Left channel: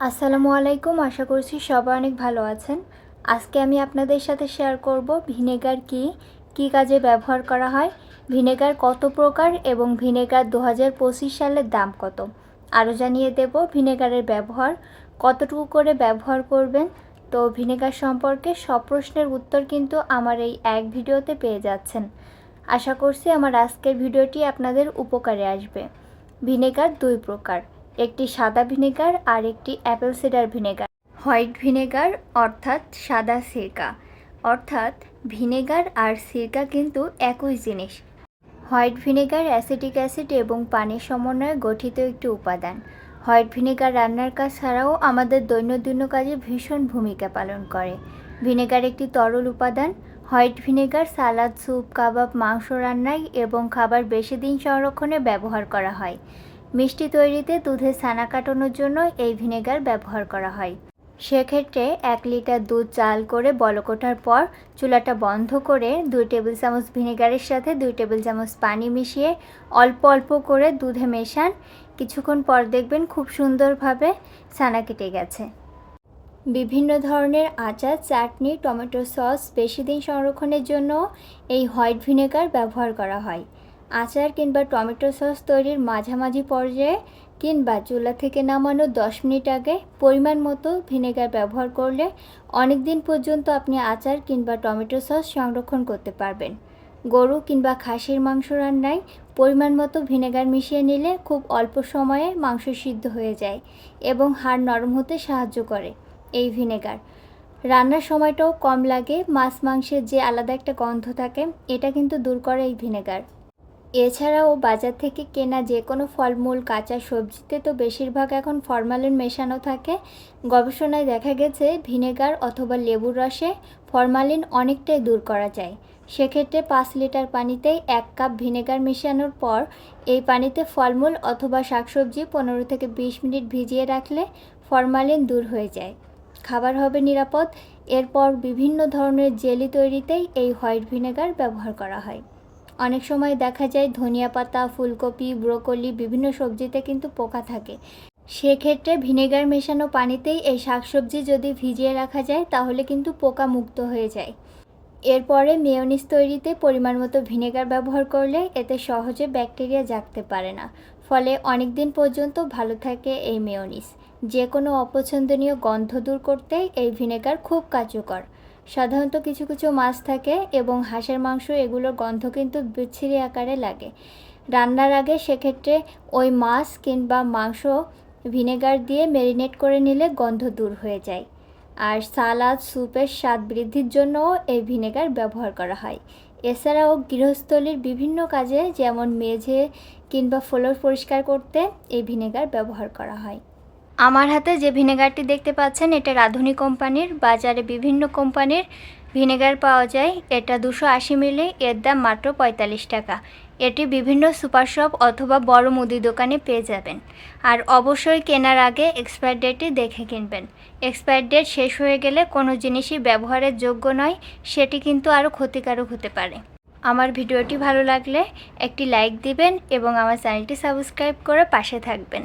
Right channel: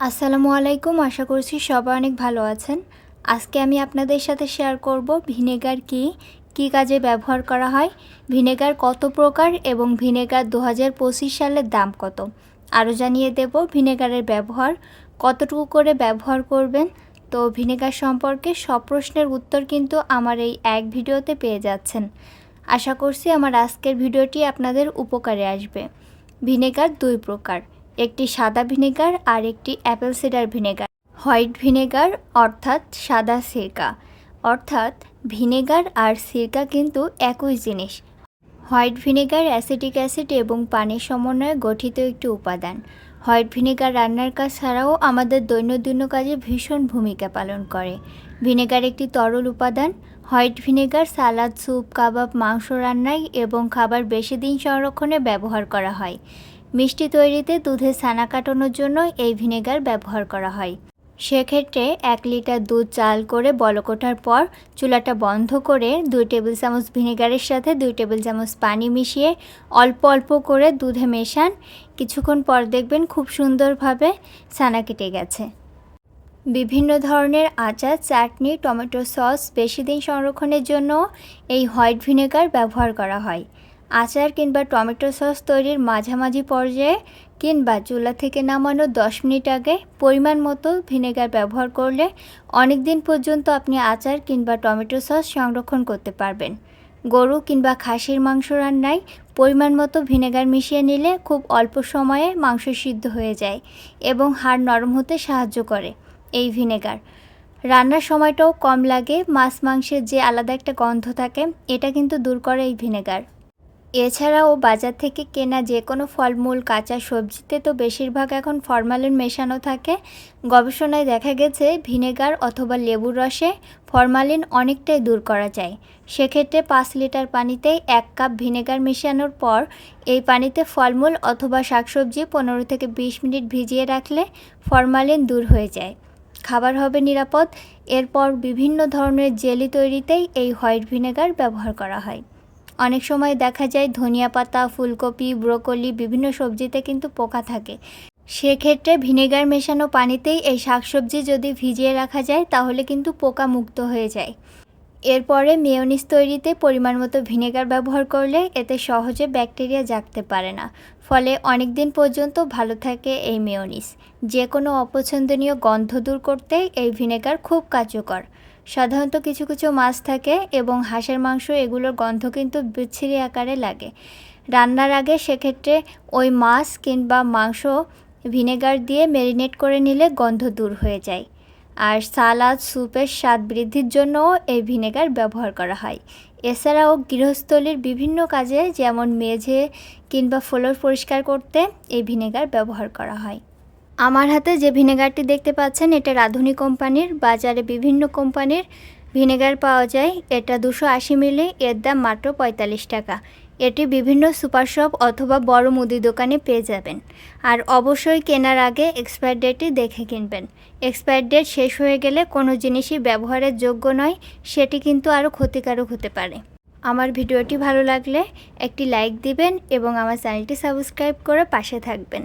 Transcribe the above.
আসসালামু আলাইকুম, আশা করছি সবাই অনেক ভালো আছেন। আজকে আমি আপনাদের সাথে শেয়ার করব ভিনেগার কি কি কাজে ব্যবহার করা হয়, ভিনেগার কত প্রকার এবং ভিনেগার দু হাজার পঁচিশ সালের দাম কত। আরও জানিয়ে দেব ভিনেগারের ব্যবহার, কতটুকু করে ব্যবহার করবেন। তো ভিনেগার সম্পর্কে সব প্রশ্নের উত্তর কিন্তু আমার এই এক ভিডিওতে পেয়ে যাচ্ছেন। আশা করছি আমার আজকের ভিডিওটি আপনাদের উপকারে আসবে। ভিনেগার দুই প্রকার একটি সাদা ভিনেগার আর একটি apple cider vinegar. White vinegar অর্থাৎ সাদা সিরকা। অর্থাৎ ভিনেগার আর সিরকা কিন্তু একই জিনিস। হোয়াইট ভিনেগার অ্যাসিটিক অ্যাসিড এবং পানির সমন্বয়ে গঠিত একটি উপাদান। হোয়াইট ভিনেগার রান্নার কাজ ছাড়াও আমাদের দৈনন্দিন কাজে ভীষণ ভূমিকা পালন করে। ভিনেগার একটি তরল উপাদান। হোয়াইট ভিনেগার সালাদ, স্যুপ, কাবাব, মাংস রান্নায় এবং খাবার বেশি দিন সংরক্ষণে ব্যবহার করা হয়। মিষ্টি তৈরিতে দুধে ছানা কাটানোর জন্য এই ভিনেগার ব্যবহার করা হয়। সেক্ষেত্রে এক লিটার দুধ চাল করে বলক ওঠার পর চুলাটা বন্ধ করে দুই টেবিল চামচ ভিনেগারের সাথে দুই টেবিল চামচ পানি মিশিয়ে অল্প অল্প করে দুধে মেশান। কিছুক্ষণ পর দেখবেন খুব সুন্দরভাবে ছানা কেটে গেছে। বিভিন্ন ধরনের আচার, চাটনি, টমেটো সস বেশি দিন সংরক্ষণের জন্য এই হোয়াইট ভিনেগার ব্যবহার করা হয়। আচার কিংবা টমেটো সস তৈরির মাঝামাঝি পর্যায়ে কিংবা চুলা থেকে নামানোর দশ মিনিট আগে পরিমাণ মতো ভিনেগার ব্যবহার করলে অনেক দিন পর্যন্ত আপনি আচার কিংবা টমেটো সস সংরক্ষণ করতে পারবেন। গরু কিংবা খাসির মাংস রান্নায় পরিমাণ মতো ভিনেগার মিশিয়ে নিলে খুব অল্প সময়ে মাংস সিদ্ধ হয়ে যায় এবং হাড় নরম হতে সাহায্য করে এই ভিনেগার। রান্নার সময়টাও কম লাগে, মাছ মাংসের যে আলাদা একটা গন্ধ থাকে, এটা কিন্তু দূর করে এই ভিনেগার। এছাড়াও বাজার থেকে কেনা যে কোনো ফলমূল, কাঁচা সবজিতে তো বেশিরভাগ এখন ফরমালিন মেশানো থাকে। গবেষণায় দেখা গেছে ভিনেগার অথবা লেবুর রসে ফরমালিন অনেকটাই দূর করা যায়। সেক্ষেত্রে পাঁচ লিটার পানিতে এক কাপ ভিনেগার মেশানোর পর এই পানিতে ফলমূল অথবা শাকসবজি পনেরো থেকে বিশ মিনিট ভিজিয়ে রাখলে ফরমালিন দূর হয়ে যায়। খাবার হবে নিরাপদ। এরপর বিভিন্ন ধরনের জেলি তৈরিতেই এই হোয়াইট ভিনেগার ব্যবহার করা হয়। অনেক সময় দেখা যায় ধনিয়া পাতা, ফুলকপি, ব্রোকলি বিভিন্ন সবজিতে কিন্তু পোকা থাকে। সেক্ষেত্রে ভিনেগার মেশানো পানিতেই এই শাকসবজি যদি ভিজিয়ে রাখা যায়, তাহলে কিন্তু পোকা মুক্ত হয়ে যায়। এরপরে মেয়নিস তৈরিতে পরিমাণ মতো ভিনেগার ব্যবহার করলে এতে সহজে ব্যাকটেরিয়া জাগতে পারে না। ফলে অনেক দিন পর্যন্ত ভালো থাকে এই মেয়নিস যে কোনো অপছন্দনীয় গন্ধ দূর করতে এই ভিনেগার খুব কার্যকর। সাধারণত কিছু কিছু মাছ থাকে এবং হাঁসের মাংস এগুলোর গন্ধ কিন্তু বিচ্ছিরি আকারে লাগে। রান্নার আগে সেক্ষেত্রে ওই মাছ কিংবা মাংস ভিনেগার দিয়ে ম্যারিনেট করে নিলে গন্ধ দূর হয়ে যায়। আর সালাদ, স্যুপের স্বাদ বৃদ্ধির জন্যও এই ভিনেগার ব্যবহার করা হয়। এছাড়াও গৃহস্থলীর বিভিন্ন কাজে যেমন মেঝে কিংবা ফ্লোর পরিষ্কার করতে এই ভিনেগার ব্যবহার করা হয়। আমার হাতে যে ভিনেগারটি দেখতে পাচ্ছেন, এটা রাঁধুনি কোম্পানির। বাজারে বিভিন্ন কোম্পানির ভিনেগার পাওয়া যায়। এটা দুশো আশি মিলি, এর দাম মাত্র পঁয়তাল্লিশ টাকা। এটি বিভিন্ন সুপার শপ অথবা বড় মুদি দোকানে পেয়ে যাবেন। আর অবশ্যই কেনার আগে এক্সপায়ার ডেটটি দেখে কিনবেন। এক্সপায়ার ডেট শেষ হয়ে গেলে কোনো জিনিসই ব্যবহারের যোগ্য নয়, সেটি কিন্তু আরও ক্ষতিকারক হতে পারে। আমার ভিডিওটি ভালো লাগলে একটি লাইক দিবেন এবং আমার চ্যানেলটি সাবস্ক্রাইব করে পাশে থাকবেন।